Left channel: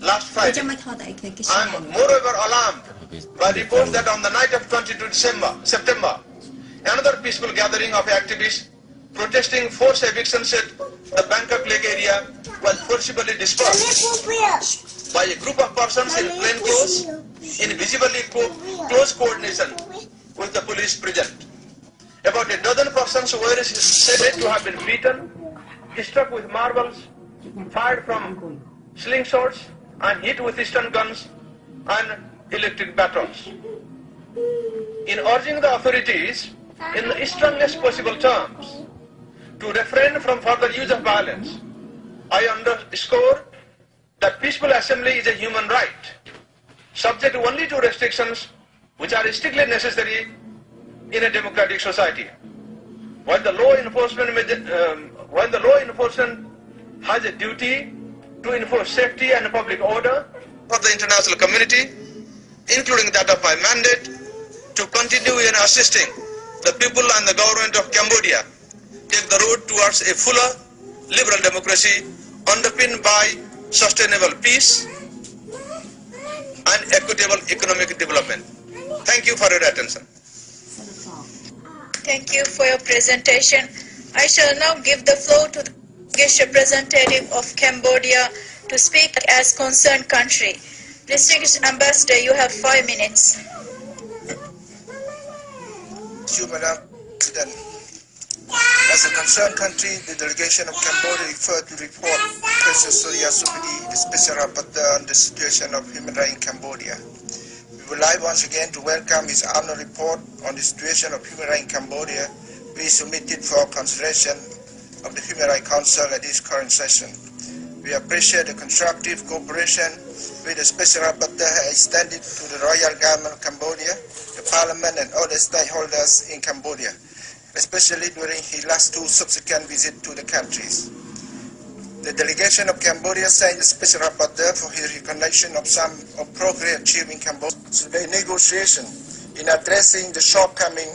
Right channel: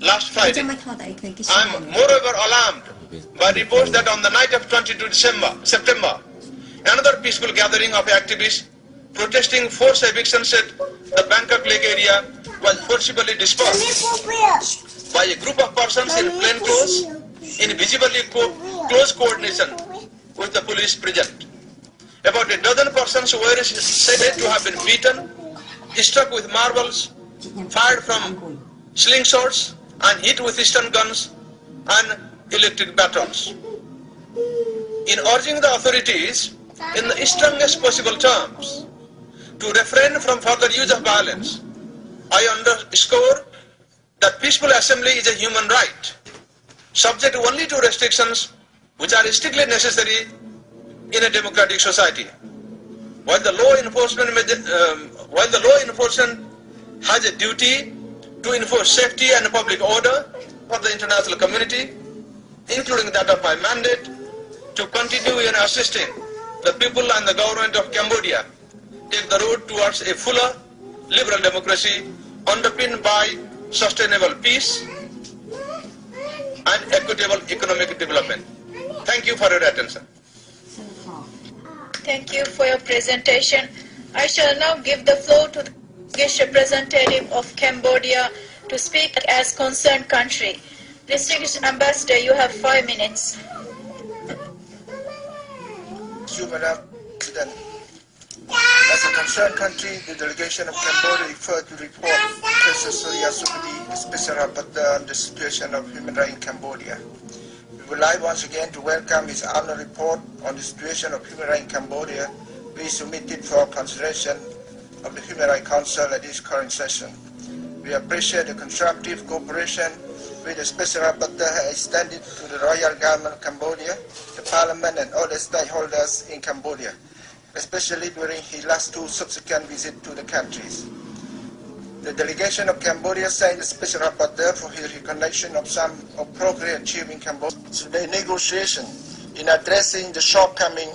last Friday. I am moreover alarmed by reports that on the night of 22 September, another peaceful gathering of activists protesting forced evictions at the Bangkok Lake area was forcibly dispersed by a group of persons in plain clothes in visibly close coordination with the police present. About a dozen persons were said to have been beaten, struck with marbles, fired from slingshots, and hit with stun guns and electric batons. In urging the authorities in the strongest possible terms to refrain from further use of violence, I underscore that peaceful assembly is a human right, subject only to restrictions which are strictly necessary in a democratic society. While the law enforcement has a duty to enforce safety and public order for the international community, including that of my mandate, to continue in assisting the people and the government of Cambodia take the road towards a fuller liberal democracy underpinned by sustainable peace and equitable economic development. Thank you for your attention. Thank you for your presentation. I shall now give the floor to the Distinguished representative of Cambodia to speak as concerned country. Distinguished Ambassador, you have 5 minutes. Thank you, Madam President. As a concerned country, the delegation of Cambodia referred to the report of Professor Surya Subudi, the Special Rapporteur on the situation of human rights in Cambodia. We would like once again to welcome his annual report on the situation of human rights in Cambodia, which is submitted for consideration of the Human Rights Council at this current session. We appreciate the constructive cooperation which the Special Rapporteur has extended to the Royal Government of Cambodia, the Parliament and other stakeholders in Cambodia, especially during his last 2 subsequent visits to the countries. The delegation of Cambodia thanks the Special Rapporteur for his recognition of some progress achieved in Cambodia. So the negotiation in addressing the shortcoming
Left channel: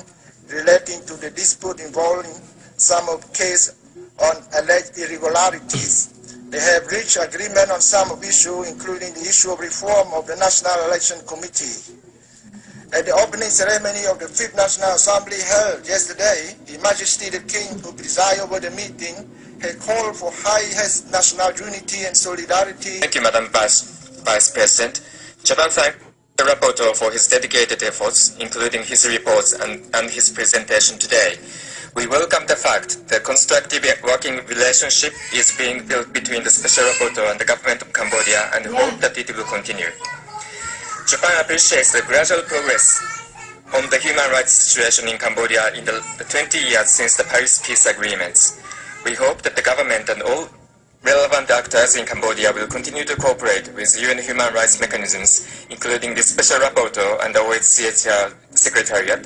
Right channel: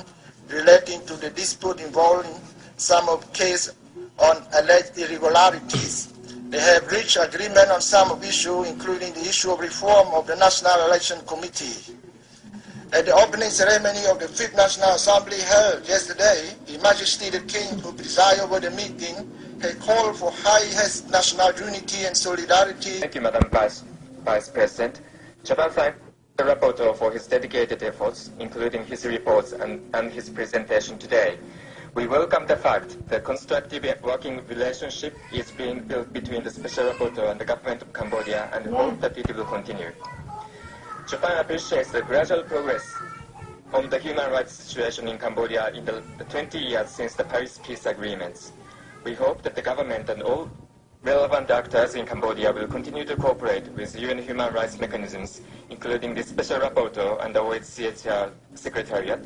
relating to the dispute involving some of case on alleged irregularities. They have reached agreement on some of issues, including the issue of reform of the National Election Committee. At the opening ceremony of the 5th National Assembly held yesterday, His Majesty the King, who presided over the meeting, had called for highest national unity and solidarity. Thank you, Madam Vice President. Japan thanks the rapporteur for his dedicated efforts, including his reports and his presentation today. We welcome the fact that constructive working relationship is being built between the Special Rapporteur and the government of Cambodia and hope that it will continue. Japan appreciates the gradual progress on the human rights situation in Cambodia in the 20 years since the Paris Peace Agreements. We hope that the government and all relevant actors in Cambodia will continue to cooperate with UN human rights mechanisms, including the Special Rapporteur and the OHCHR Secretariat,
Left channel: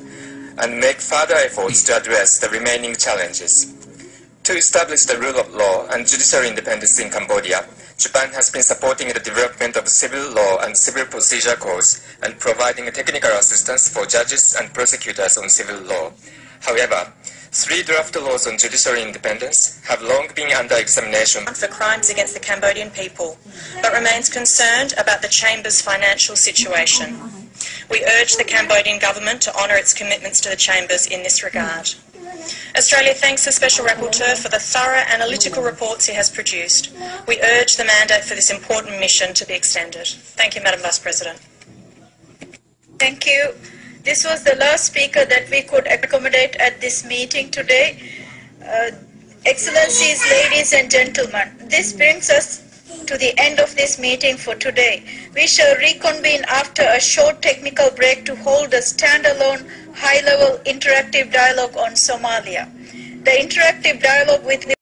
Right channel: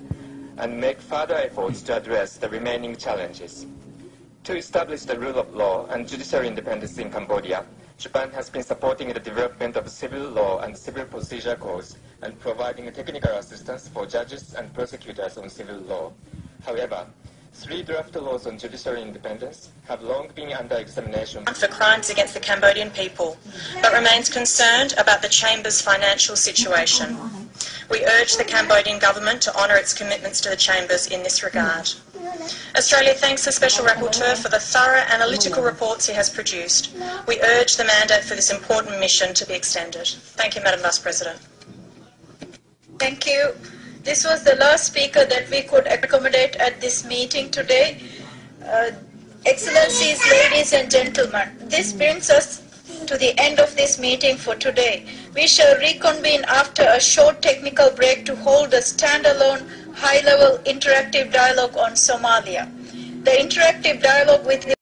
and make further efforts to address the remaining challenges. To establish the rule of law and judicial independence in Cambodia, Japan has been supporting the development of civil law and civil procedure codes and providing technical assistance for judges and prosecutors on civil law. However, 3 draft laws on judicial independence have long been under examination for crimes against the Cambodian people, but remains concerned about the Chamber's financial situation. We urge the Cambodian government to honour its commitments to the Chambers in this regard. Australia thanks the Special Rapporteur for the thorough analytical reports he has produced. We urge the mandate for this important mission to be extended. Thank you, Madam Vice President. Thank you. This was the last speaker that we could accommodate at this meeting today. Excellencies, ladies and gentlemen, this brings us to the end of this meeting for today. We shall reconvene after a short technical break to hold a standalone, high-level interactive dialogue on Somalia. The interactive dialogue with